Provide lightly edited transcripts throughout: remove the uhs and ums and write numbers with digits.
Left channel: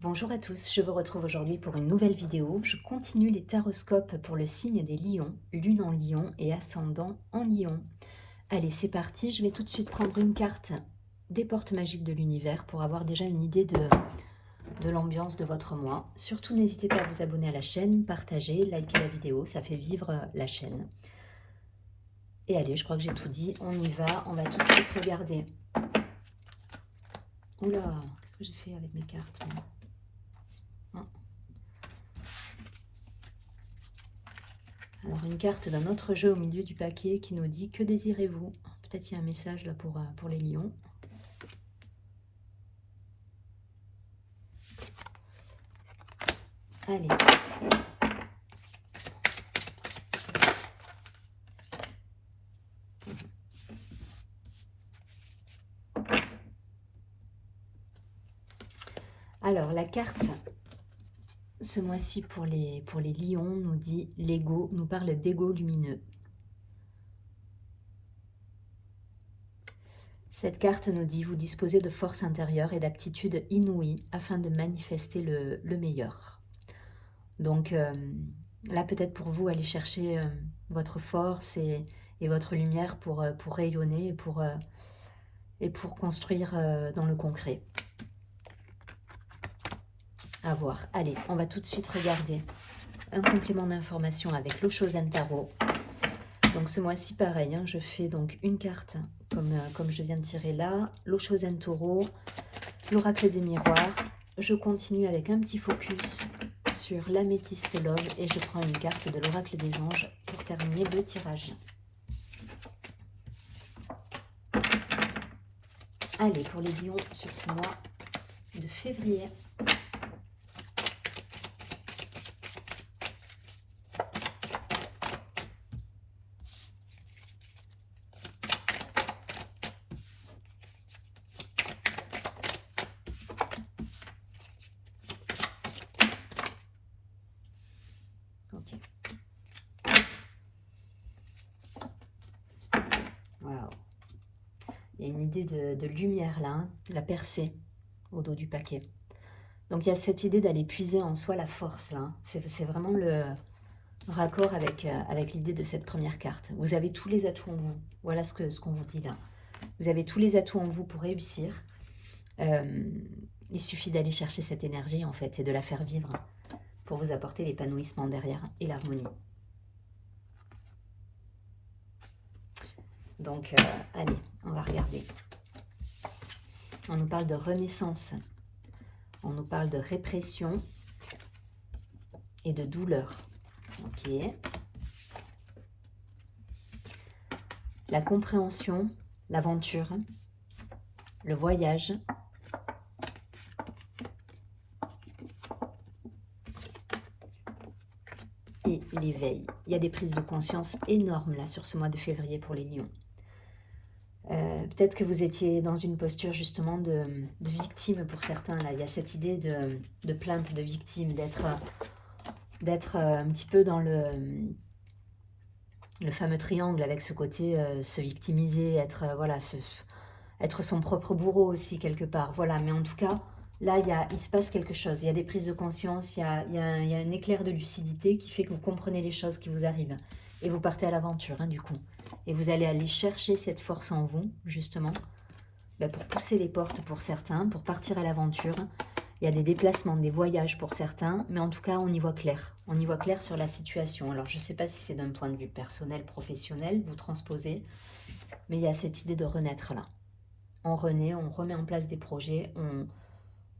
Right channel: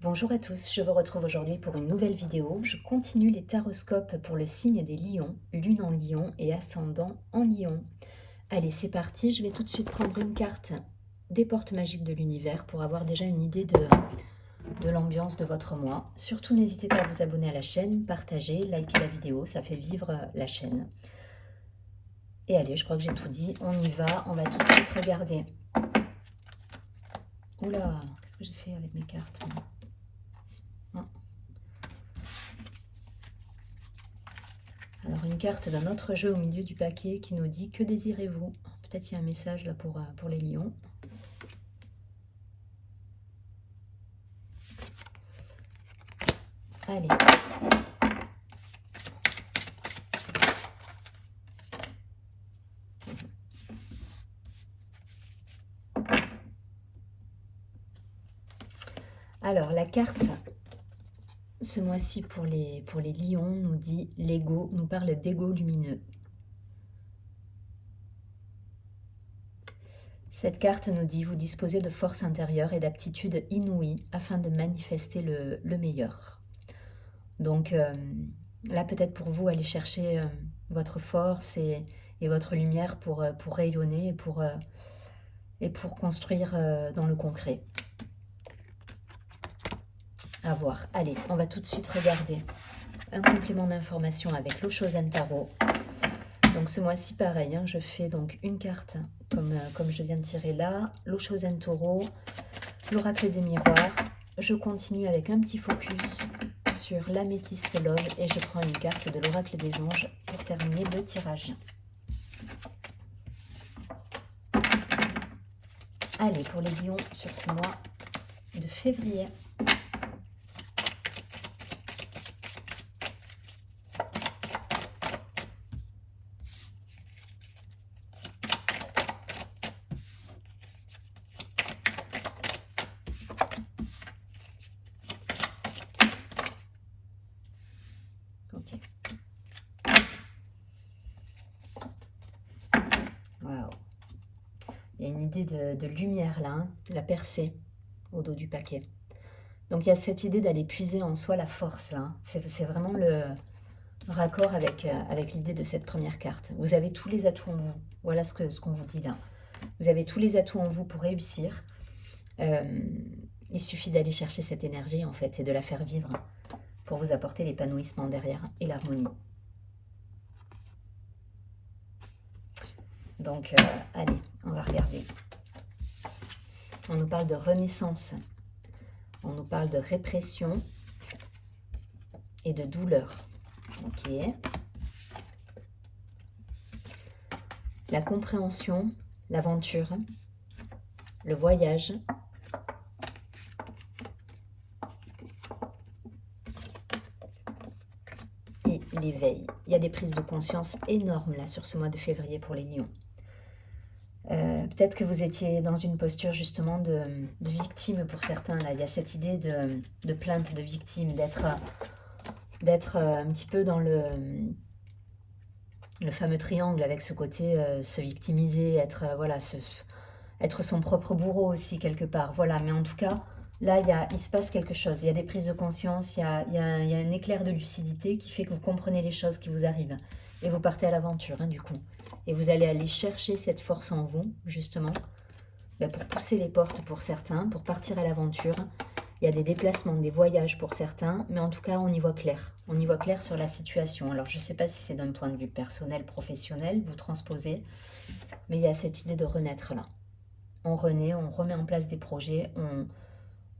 Bonjour à tous, je vous retrouve aujourd'hui pour une nouvelle vidéo. Je continue les taroscopes pour le signe des lions, lune en lion et ascendant en lion. Allez, c'est parti, je vais tout de suite prendre une carte des portes magiques de l'univers pour avoir déjà une idée de l'ambiance de votre mois. Surtout, n'hésitez pas à vous abonner à la chaîne, partager, liker la vidéo, ça fait vivre la chaîne. Et allez, je crois que j'ai tout dit, on y va, on va tout de suite regarder. Oula, qu'est-ce que j'ai fait avec mes cartes moi? Alors une carte d'un autre jeu au milieu du paquet qui nous dit que désirez-vous? Peut-être il y a un message là pour les lions. Allez. Alors la carte ce mois-ci pour les lions nous dit l'ego, nous parle d'ego lumineux. Cette carte nous dit vous disposez de force intérieure et d'aptitudes inouïes afin de manifester le meilleur. Donc là peut-être pour vous aller chercher votre force et votre lumière pour rayonner et pour construire dans le concret. À voir. Allez, on va tout de suite regarder un complément d'information avec l'Oshozen Tarot. Donc ce mois-ci, pareil, hein, je fais donc une carte comme je viens de tirer là, l'Oshozen Taureau, l'Oracle des Miroirs. Je continue avec un petit focus sur l'améthyste Love et je prends une carte de l'Oracle des Anges pour terminer le tirage. Allez, pour les lions sur ce mois de février. Ok. Waouh. Il y a une idée de lumière là, hein, la percée au dos du paquet. Donc il y a cette idée d'aller puiser en soi la force là. Hein. C'est vraiment le raccord avec l'idée de cette première carte. Vous avez tous les atouts en vous. Voilà ce qu'on vous dit là. Vous avez tous les atouts en vous pour réussir. Il suffit d'aller chercher cette énergie en fait et de la faire vivre pour vous apporter l'épanouissement derrière et l'harmonie. Donc allez, on va regarder. On nous parle de renaissance. On nous parle de répression et de douleur. Ok. La compréhension, l'aventure, le voyage. Et l'éveil. Il y a des prises de conscience énormes là sur ce mois de février pour les lions. Peut-être que vous étiez dans une posture justement de victime pour certains. Là, il y a cette idée de plainte de victime, d'être un petit peu dans le fameux triangle avec ce côté se victimiser, être voilà, être son propre bourreau aussi quelque part. Voilà, mais en tout cas, là, il se passe quelque chose. Il y a des prises de conscience, il y a un éclair de lucidité qui fait que vous comprenez les choses qui vous arrivent. Et vous partez à l'aventure, hein, du coup. Et vous allez aller chercher cette force en vous, justement, pour pousser les portes pour certains, pour partir à l'aventure. Il y a des déplacements, des voyages pour certains, mais en tout cas, on y voit clair. On y voit clair sur la situation. Alors, je ne sais pas si c'est d'un point de vue personnel, professionnel, vous transposez, mais il y a cette idée de renaître là. On renaît, on remet en place des projets,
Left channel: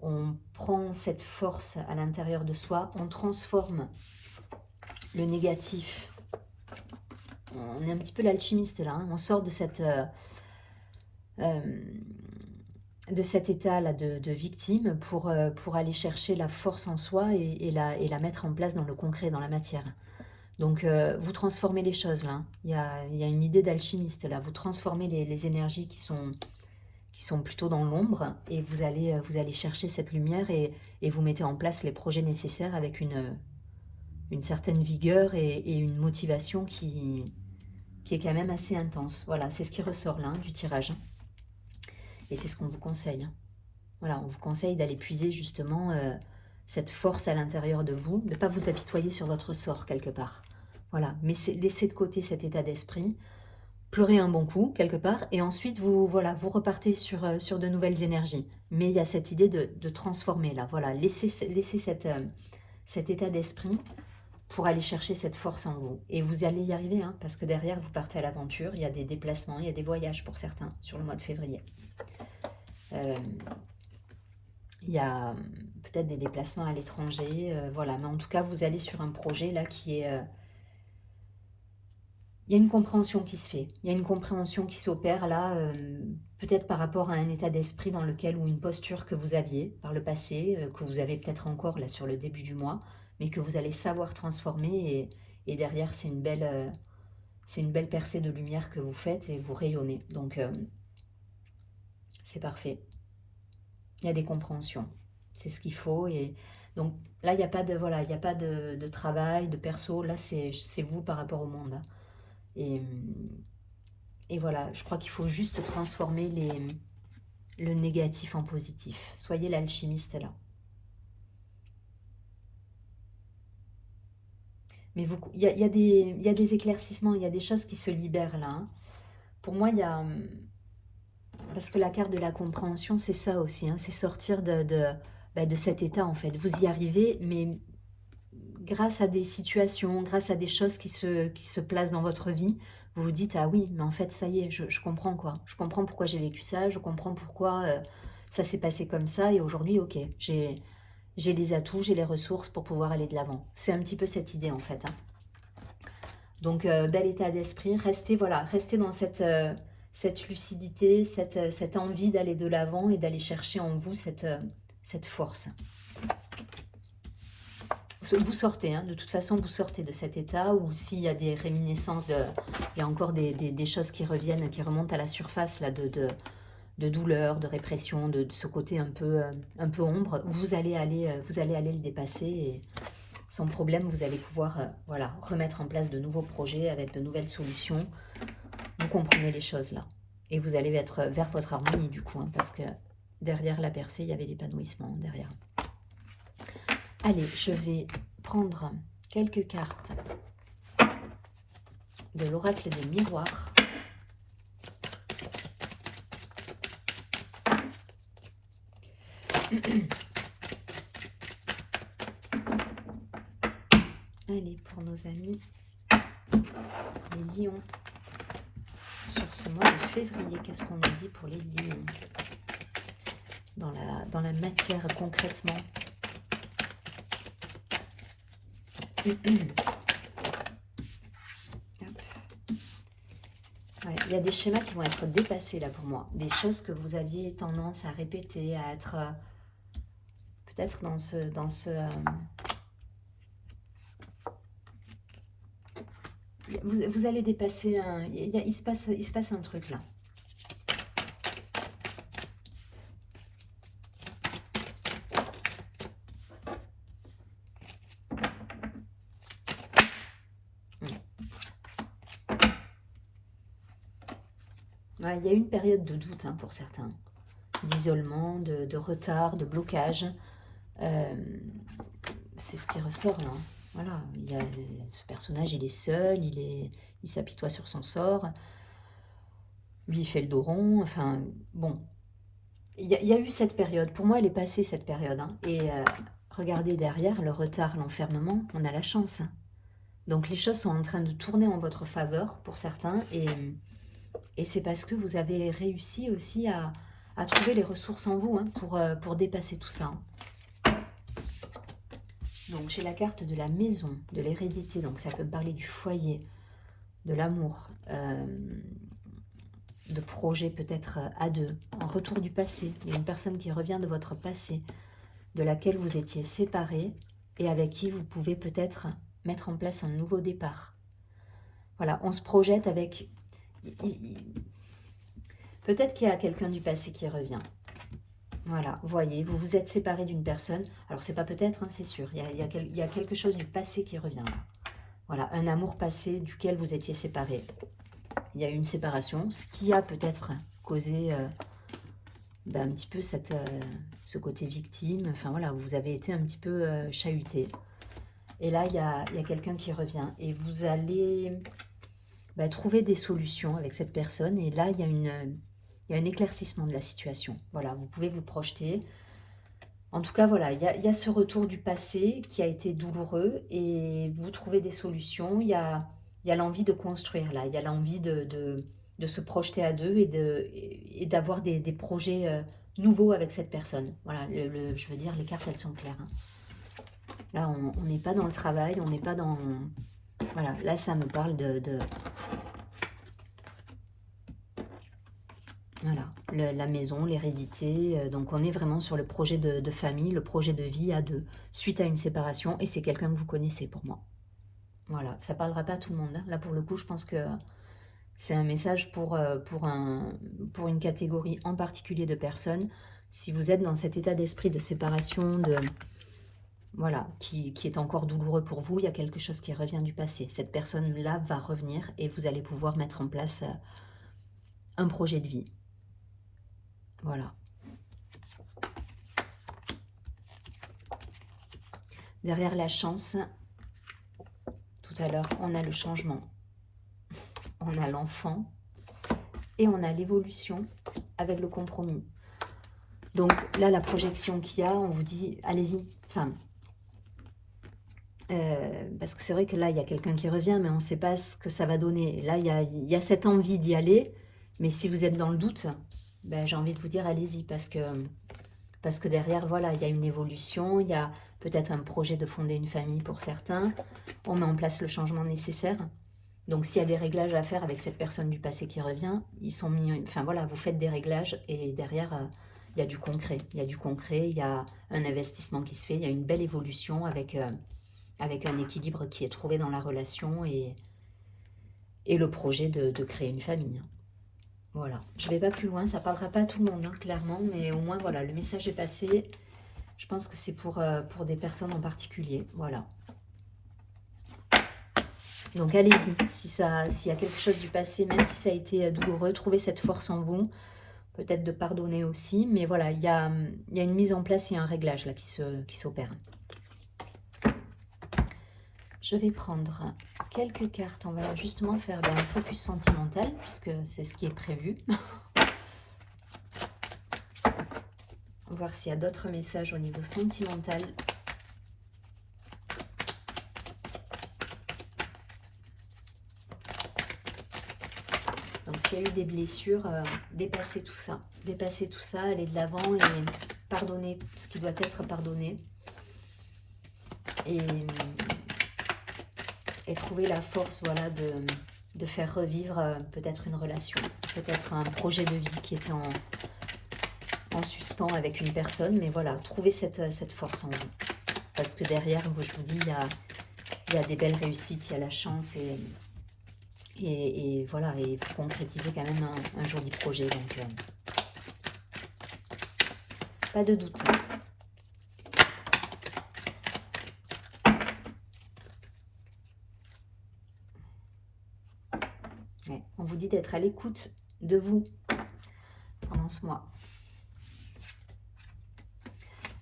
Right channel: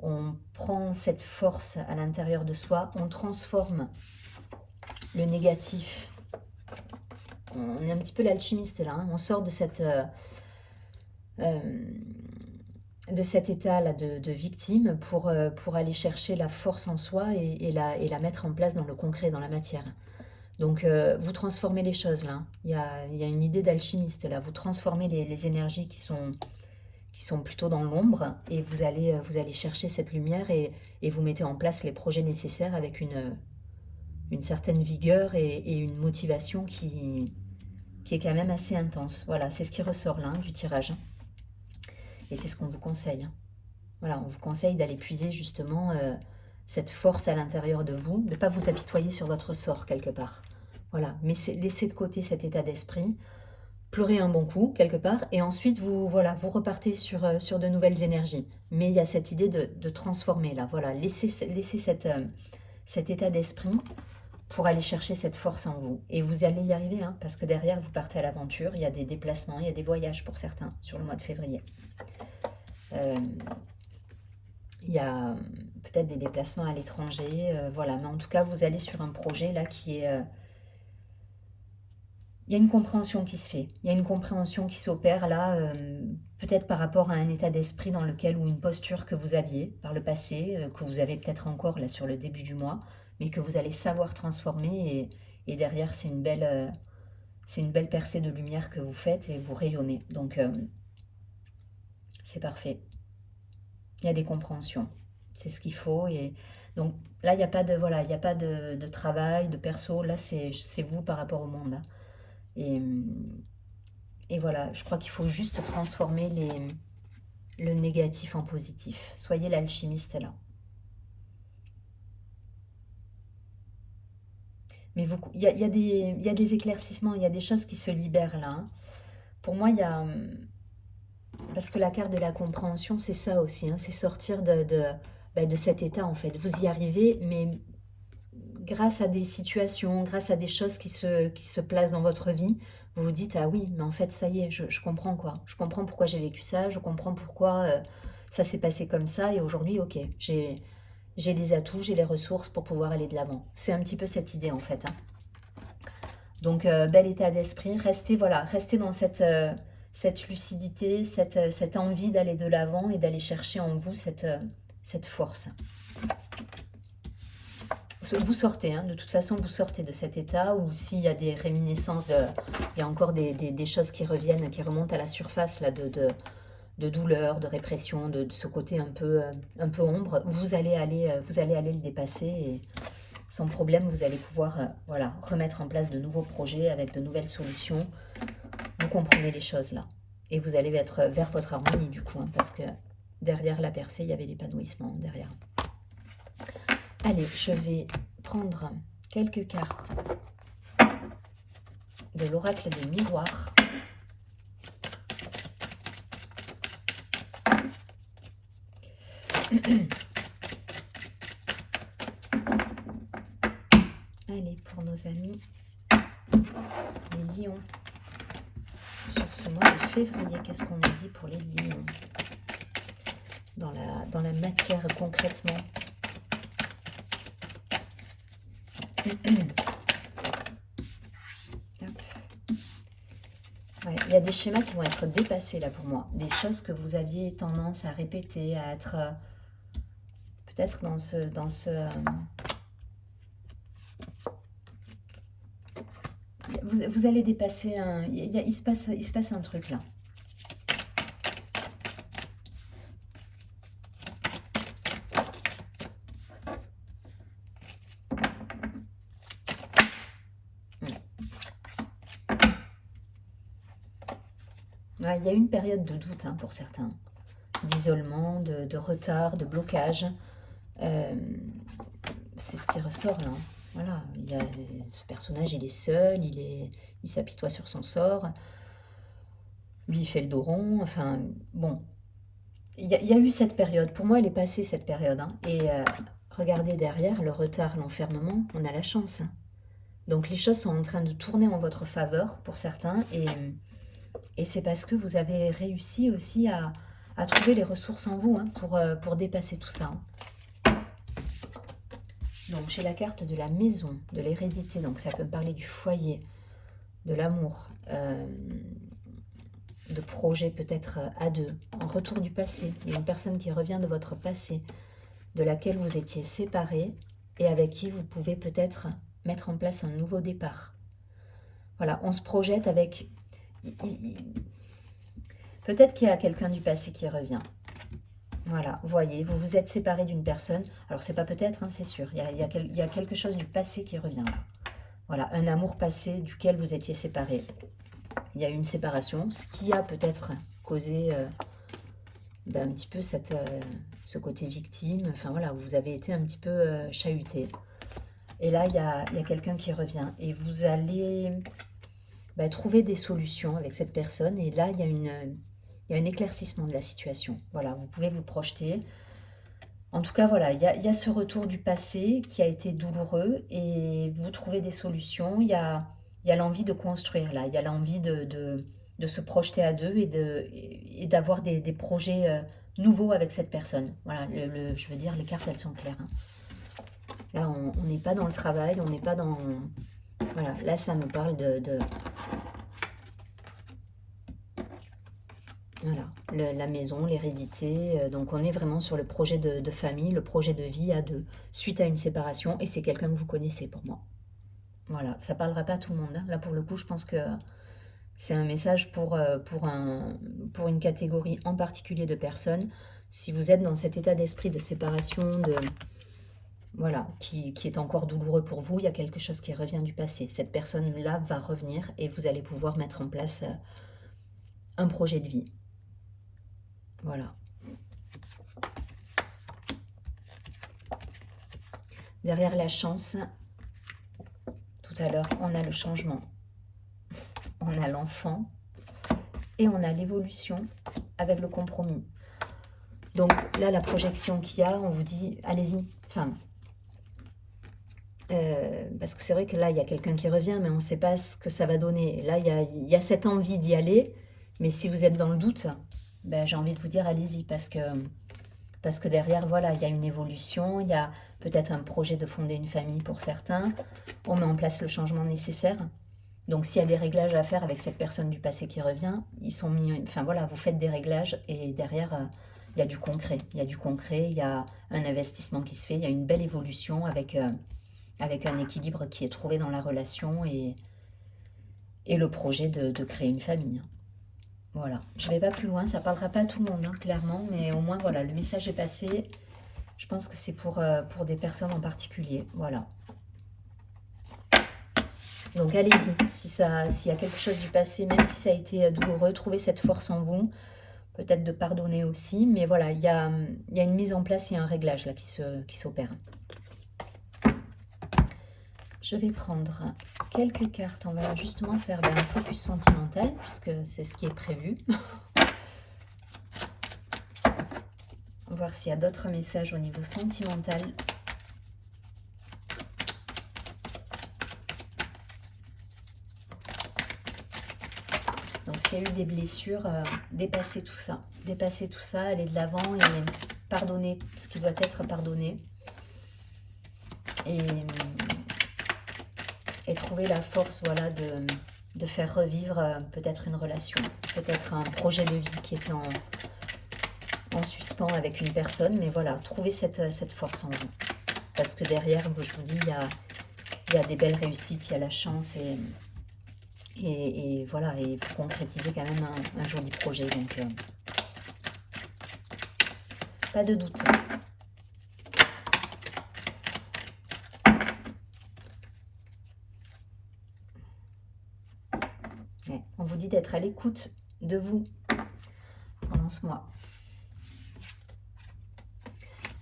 on prend cette force à l'intérieur de soi, on transforme le négatif. On est un petit peu l'alchimiste là, hein. On sort de cet état là de victime pour aller chercher la force en soi et la mettre en place dans le concret, dans la matière. Donc vous transformez les choses là. Il y a une idée d'alchimiste là. Vous transformez les énergies qui sont plutôt dans l'ombre et vous allez chercher cette lumière et vous mettez en place les projets nécessaires avec une certaine vigueur et une motivation qui est quand même assez intense. Voilà, c'est ce qui ressort là, hein, du tirage. Et c'est ce qu'on vous conseille. Voilà, on vous conseille d'aller puiser justement cette force à l'intérieur de vous, de ne pas vous apitoyer sur votre sort quelque part. Voilà, mais laissez de côté cet état d'esprit, pleurez un bon coup quelque part, et ensuite vous, voilà, vous repartez sur de nouvelles énergies. Mais il y a cette idée de transformer là, voilà, laissez cet état d'esprit pour aller chercher cette force en vous. Et vous allez y arriver, hein, parce que derrière, vous partez à l'aventure, il y a des déplacements, il y a des voyages pour certains sur le mois de février. Il y a peut-être des déplacements à l'étranger, voilà. Mais en tout cas, vous allez sur un projet là qui est... il y a une compréhension qui se fait, il y a une compréhension qui s'opère là, peut-être par rapport à un état d'esprit dans lequel, ou une posture que vous aviez par le passé, que vous avez peut-être encore là sur le début du mois, mais que vous allez savoir transformer, et derrière c'est une belle percée de lumière que vous faites et vous rayonnez. Donc c'est parfait. Il y a des compréhensions, c'est ce qu'il faut. Et donc là, il n'y a pas de, voilà, il n'y a pas de travail, de perso, là c'est vous par rapport au monde. Et voilà, je crois qu'il faut juste transformer le négatif en positif. Soyez l'alchimiste là. Mais il y a des éclaircissements, il y a des choses qui se libèrent là, hein. Pour moi, il y a... Parce que la carte de la compréhension, c'est ça aussi, hein, c'est sortir de cet état en fait. Vous y arrivez, mais grâce à des situations, grâce à des choses qui se placent dans votre vie, vous vous dites, ah oui, mais en fait, ça y est, je comprends quoi. Je comprends pourquoi j'ai vécu ça, je comprends pourquoi ça s'est passé comme ça, et aujourd'hui, ok, j'ai les atouts, j'ai les ressources pour pouvoir aller de l'avant. C'est un petit peu cette idée en fait, hein. Donc, bel état d'esprit, restez, voilà, restez dans cette lucidité, cette envie d'aller de l'avant et d'aller chercher en vous cette force. Vous sortez, hein, de toute façon, vous sortez de cet état, ou s'il y a des réminiscences, il y a encore des choses qui reviennent, qui remontent à la surface là, de douleur, de répression, de ce côté un peu ombre, vous allez aller le dépasser, et sans problème, vous allez pouvoir voilà, remettre en place de nouveaux projets avec de nouvelles solutions. Vous comprenez les choses là. Et vous allez être vers votre harmonie du coup, hein, parce que derrière la percée, il y avait l'épanouissement derrière. Allez, je vais prendre quelques cartes de l'oracle des miroirs. Allez, pour nos amis les lions, sur ce mois de février, qu'est-ce qu'on nous dit pour les lions dans la matière concrètement? Ouais, il y a des schémas qui vont être dépassés là pour moi, des choses que vous aviez tendance à répéter, à être peut-être dans ce vous allez dépasser il se passe un truc là. Ouais, il y a une période de doute, hein, pour certains, d'isolement, de retard, de blocage. C'est ce qui ressort là. Voilà, ce personnage, il est seul, il s'apitoie sur son sort. Lui, il fait le dos rond. Enfin, bon. Il y a eu cette période. Pour moi, elle est passée, cette période, hein. Et regardez derrière, le retard, l'enfermement, on a la chance, hein. Donc, les choses sont en train de tourner en votre faveur pour certains. Et c'est parce que vous avez réussi aussi à trouver les ressources en vous, hein, pour dépasser tout ça, hein. Donc, j'ai la carte de la maison, de l'hérédité. Donc, ça peut me parler du foyer, de l'amour, de projets peut-être à deux, en retour du passé. Il y a une personne qui revient de votre passé, de laquelle vous étiez séparés et avec qui vous pouvez peut-être mettre en place un nouveau départ. Voilà, on se projette avec... Peut-être qu'il y a quelqu'un du passé qui revient. Voilà, vous voyez, vous vous êtes séparés d'une personne. Alors, c'est pas peut-être, hein, c'est sûr. Il y a quelque chose du passé qui revient là. Voilà, un amour passé duquel vous étiez séparés. Il y a eu une séparation, ce qui a peut-être causé un petit peu ce côté victime. Enfin voilà, vous avez été un petit peu chahuté. Et là, il y a quelqu'un qui revient. Et vous allez trouver des solutions avec cette personne. Et là, il y a un éclaircissement de la situation. Voilà, vous pouvez vous projeter. En tout cas, voilà, il y a ce retour du passé qui a été douloureux et vous trouvez des solutions. Il y a l'envie de construire là. Il y a l'envie de se projeter à deux et d'avoir des projets nouveaux avec cette personne. Voilà, je veux dire, les cartes, elles sont claires, hein. Là, on n'est pas dans le travail, on n'est pas dans... Voilà, là, ça me parle voilà, la maison, l'hérédité. Donc, on est vraiment sur le projet de famille, le projet de vie à deux, suite à une séparation. Et c'est quelqu'un que vous connaissez pour moi. Voilà, ça ne parlera pas à tout le monde, hein. Là, pour le coup, je pense que c'est un message pour une catégorie en particulier de personnes. Si vous êtes dans cet état d'esprit de séparation, voilà, qui est encore douloureux pour vous, il y a quelque chose qui revient du passé. Cette personne-là va revenir et vous allez pouvoir mettre en place un projet de vie. Voilà. Derrière la chance, tout à l'heure, on a le changement. On a l'enfant et on a l'évolution avec le compromis. Donc là, la projection qu'il y a, on vous dit, allez-y. Enfin, parce que c'est vrai que là, il y a quelqu'un qui revient, mais on ne sait pas ce que ça va donner. Là, il y a cette envie d'y aller, mais si vous êtes dans le doute, j'ai envie de vous dire, allez-y, parce que derrière, voilà, il y a une évolution, il y a peut-être un projet de fonder une famille pour certains, on met en place le changement nécessaire. Donc, s'il y a des réglages à faire avec cette personne du passé qui revient, ils sont mis... Enfin, voilà, vous faites des réglages et derrière, il y a du concret. Il y a du concret, il y a un investissement qui se fait, il y a une belle évolution avec un équilibre qui est trouvé dans la relation et le projet de créer une famille. Voilà, je ne vais pas plus loin, ça ne parlera pas à tout le monde, hein, clairement, mais au moins, voilà, le message est passé. Je pense que c'est pour des personnes en particulier, voilà. Donc allez-y, s'il y a quelque chose du passé, même si ça a été douloureux, trouvez cette force en vous, peut-être de pardonner aussi, mais voilà, il y a une mise en place, il y a un réglage là qui s'opère. Je vais prendre quelques cartes, on va justement faire un focus sentimental, puisque c'est ce qui est prévu. On va voir s'il y a d'autres messages au niveau sentimental. Donc s'il y a eu des blessures, dépassez tout ça, allez de l'avant et pardonnez ce qui doit être pardonné. Et trouver la force, voilà, de faire revivre peut-être une relation, peut-être un projet de vie qui était en suspens avec une personne, mais voilà, trouver cette force en vous. Parce que derrière, je vous dis, il y a des belles réussites, il y a la chance et voilà, et vous concrétisez quand même un joli projet, donc pas de doute. Ouais, on vous dit d'être à l'écoute de vous pendant ce mois.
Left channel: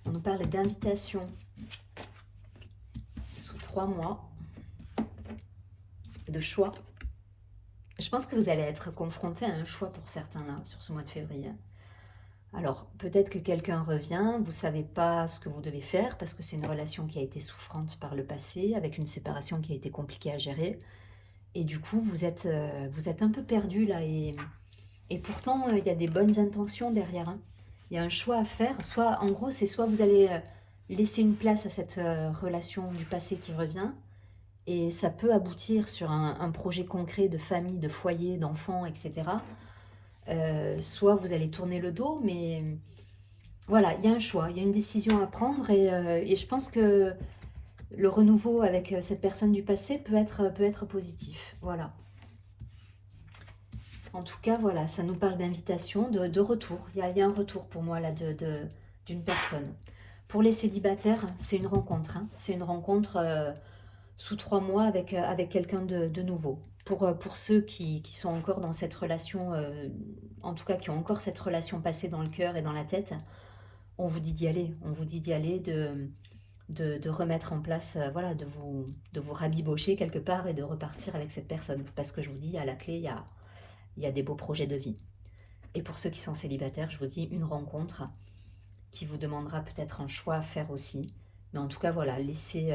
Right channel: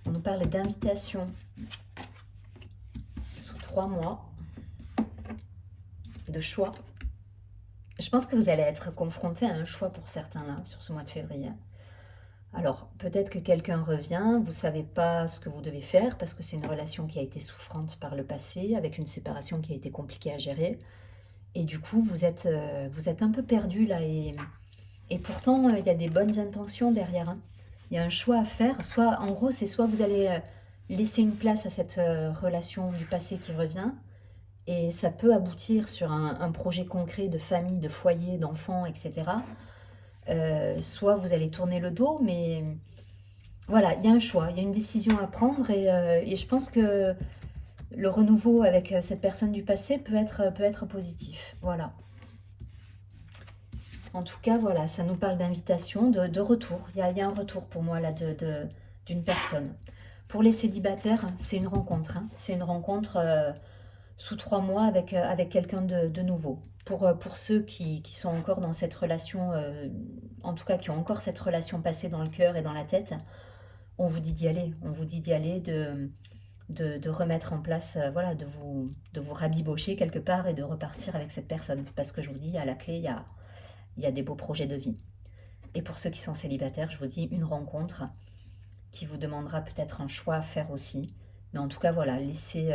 On nous parle d'invitation sous 3 mois, de choix. Je pense que vous allez être confronté à un choix pour certains là, sur ce mois de février. Alors, peut-être que quelqu'un revient, vous ne savez pas ce que vous devez faire parce que c'est une relation qui a été souffrante par le passé, avec une séparation qui a été compliquée à gérer. Et du coup, vous êtes un peu perdu là. Et pourtant, il y a des bonnes intentions derrière, hein. Il y a un choix à faire. Soit, en gros, c'est soit vous allez laisser une place à cette relation du passé qui revient, et ça peut aboutir sur un projet concret de famille, de foyer, d'enfants, etc. Soit vous allez tourner le dos, mais voilà, il y a un choix, il y a une décision à prendre, et je pense que le renouveau avec cette personne du passé peut être positif. Voilà. En tout cas, voilà, ça nous parle d'invitation, de retour. Il y a un retour pour moi là d'une personne. Pour les célibataires, c'est une rencontre, hein. C'est une rencontre sous 3 mois avec quelqu'un de nouveau. Pour ceux qui sont encore dans cette relation, en tout cas qui ont encore cette relation passée dans le cœur et dans la tête, on vous dit d'y aller. On vous dit d'y aller, de remettre en place, voilà, de vous rabibocher quelque part et de repartir avec cette personne. Parce que je vous dis, à la clé, il y a des beaux projets de vie. Et pour ceux qui sont célibataires, je vous dis une rencontre qui vous demandera peut-être un choix à faire aussi. Mais en tout cas, voilà, laissez,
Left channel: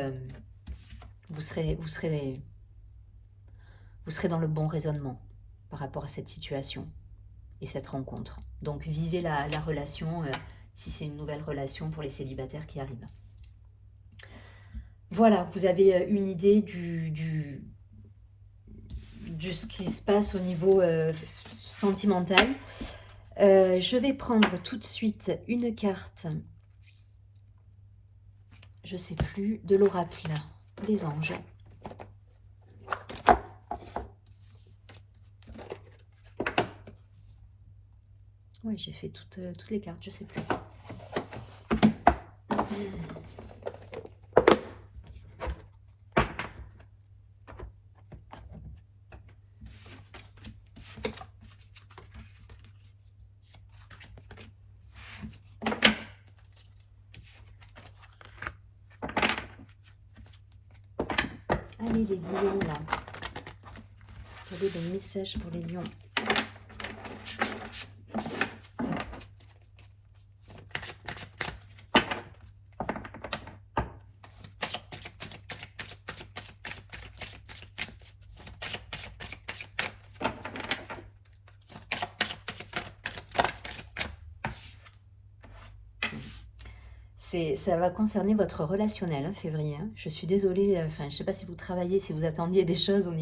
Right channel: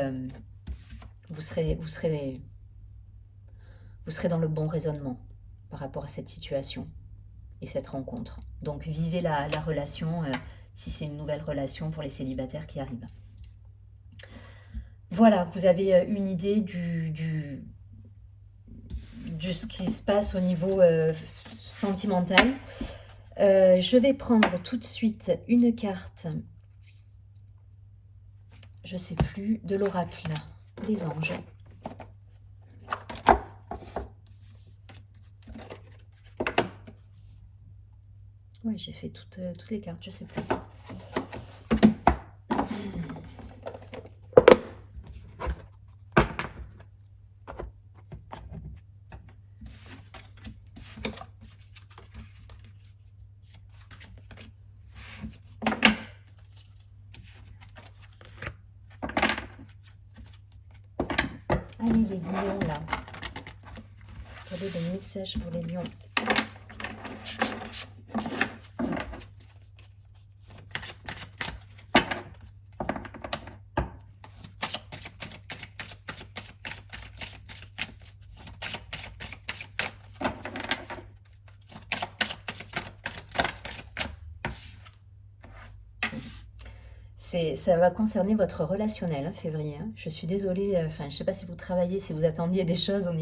vous serez dans le bon raisonnement par rapport à cette situation et cette rencontre. Donc vivez la relation si c'est une nouvelle relation pour les célibataires qui arrivent. Voilà, vous avez une idée de ce qui se passe au niveau sentimental. Je vais prendre tout de suite une carte, je sais plus, de l'oracle des anges. Oui, j'ai fait toutes les cartes, je sais plus. Allez, les lions, là. Quel est le message pour les lions? Ça va concerner votre relationnel, hein, février. Hein. Je suis désolée, enfin, je ne sais pas si vous travaillez, si vous attendiez des choses au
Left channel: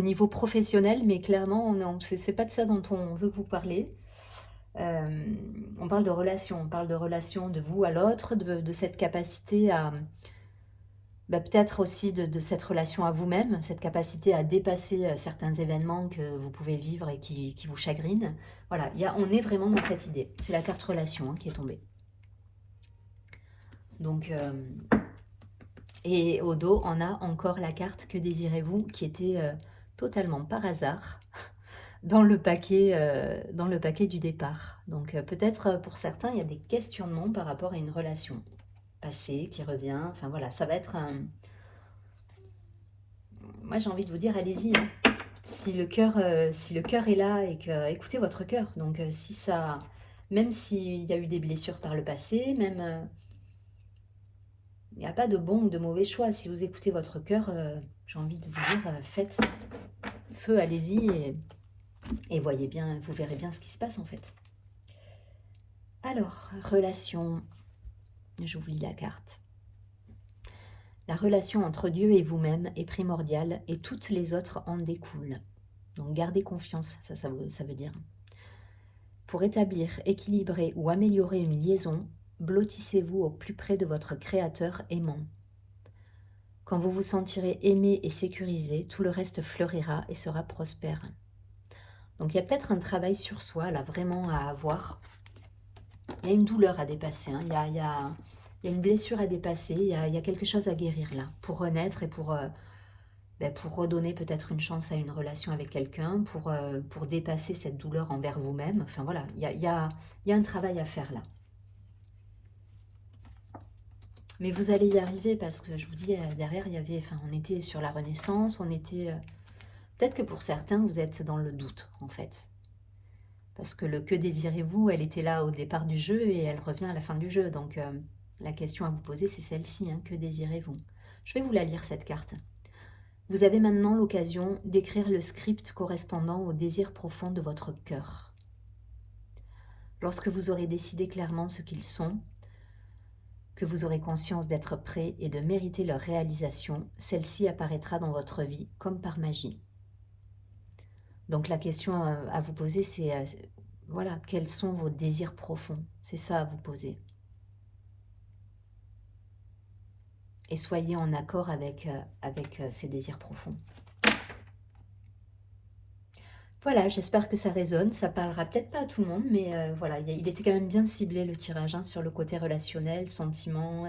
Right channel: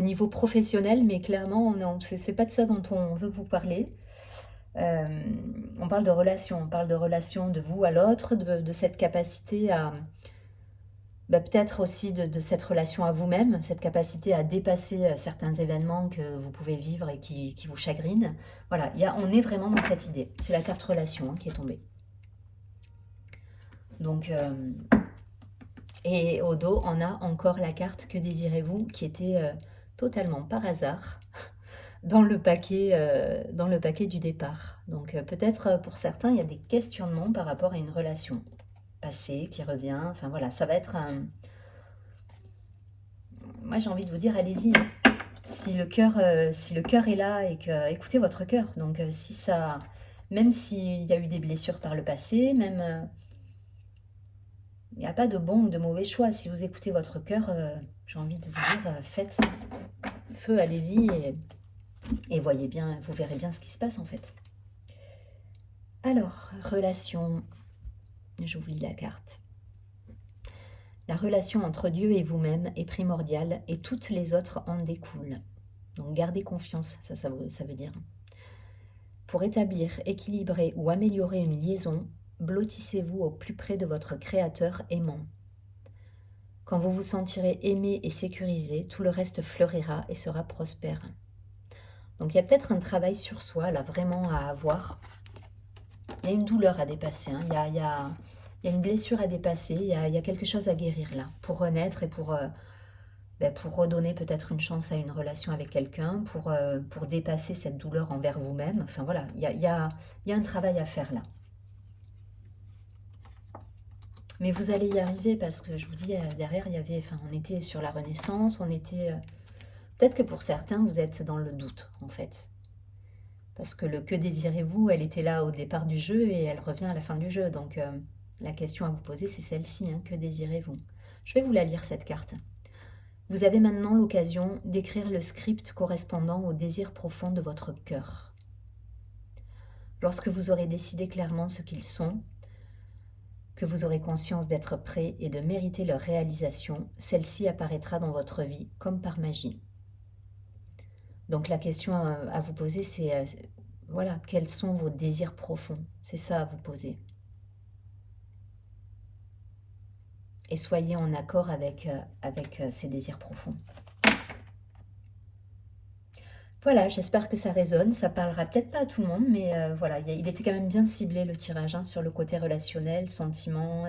niveau professionnel, mais clairement, non, c'est pas de ça dont on veut vous parler. On parle de relation de vous à l'autre, de cette capacité à, peut-être aussi de cette relation à vous-même, cette capacité à dépasser certains événements que vous pouvez vivre et qui vous chagrinent. Voilà, on est vraiment dans cette idée. C'est la carte relation hein, qui est tombée. Donc, et au dos, on a encore la carte Que désirez-vous qui était totalement par hasard dans le paquet du départ. Donc peut-être pour certains, il y a des questionnements par rapport à une relation passée qui revient. Enfin voilà, ça va être un... Moi j'ai envie de vous dire, allez-y. Hein. Si le cœur est là et que écoutez votre cœur. Donc si ça, même s'il y a eu des blessures par le passé, même il n'y a pas de bon ou de mauvais choix. Si vous écoutez votre cœur, j'ai envie de vous dire, faites feu, allez-y et voyez bien, vous verrez bien ce qui se passe en fait. Alors, relation, je vous lis la carte. La relation entre Dieu et vous-même est primordiale et toutes les autres en découlent. Donc gardez confiance, ça veut dire. Pour établir, équilibrer ou améliorer une liaison, blottissez-vous au plus près de votre Créateur aimant. Quand vous vous sentirez aimé et sécurisé, tout le reste fleurira et sera prospère. Donc il y a peut-être un travail sur soi, là, vraiment à avoir. Il y a une douleur à dépasser, hein. Il y a une blessure à dépasser, il y a quelque chose à guérir là, pour renaître et pour redonner peut-être une chance à une relation avec quelqu'un, pour dépasser cette douleur envers vous-même. Enfin voilà, il y a un travail à faire là. Mais vous allez y arriver parce que je vous dis, derrière, on était sur la renaissance, on était... Peut-être que pour certains, vous êtes dans le doute, en fait. Parce que le que désirez-vous, elle était là au départ du jeu et elle revient à la fin du jeu. Donc, la question à vous poser, c'est celle-ci, hein, que désirez-vous? Je vais vous la lire, cette carte. Vous avez maintenant l'occasion d'écrire le script correspondant au désir profond de votre cœur. Lorsque vous aurez décidé clairement ce qu'ils sont, que vous aurez conscience d'être prêt et de mériter leur réalisation, celle-ci apparaîtra dans votre vie comme par magie. Donc la question à vous poser, c'est voilà, quels sont vos désirs profonds? C'est ça à vous poser. Et soyez en accord avec ces désirs profonds. Voilà, j'espère que ça résonne. Ça parlera peut-être pas à tout le monde, mais voilà, il était quand même bien ciblé le tirage hein, sur le côté relationnel, sentiment.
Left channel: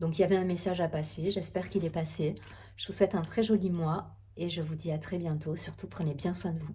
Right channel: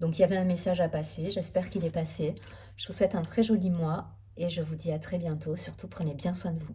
Donc il y avait un message à passer, j'espère qu'il est passé. Je vous souhaite un très joli mois et je vous dis à très bientôt. Surtout prenez bien soin de vous.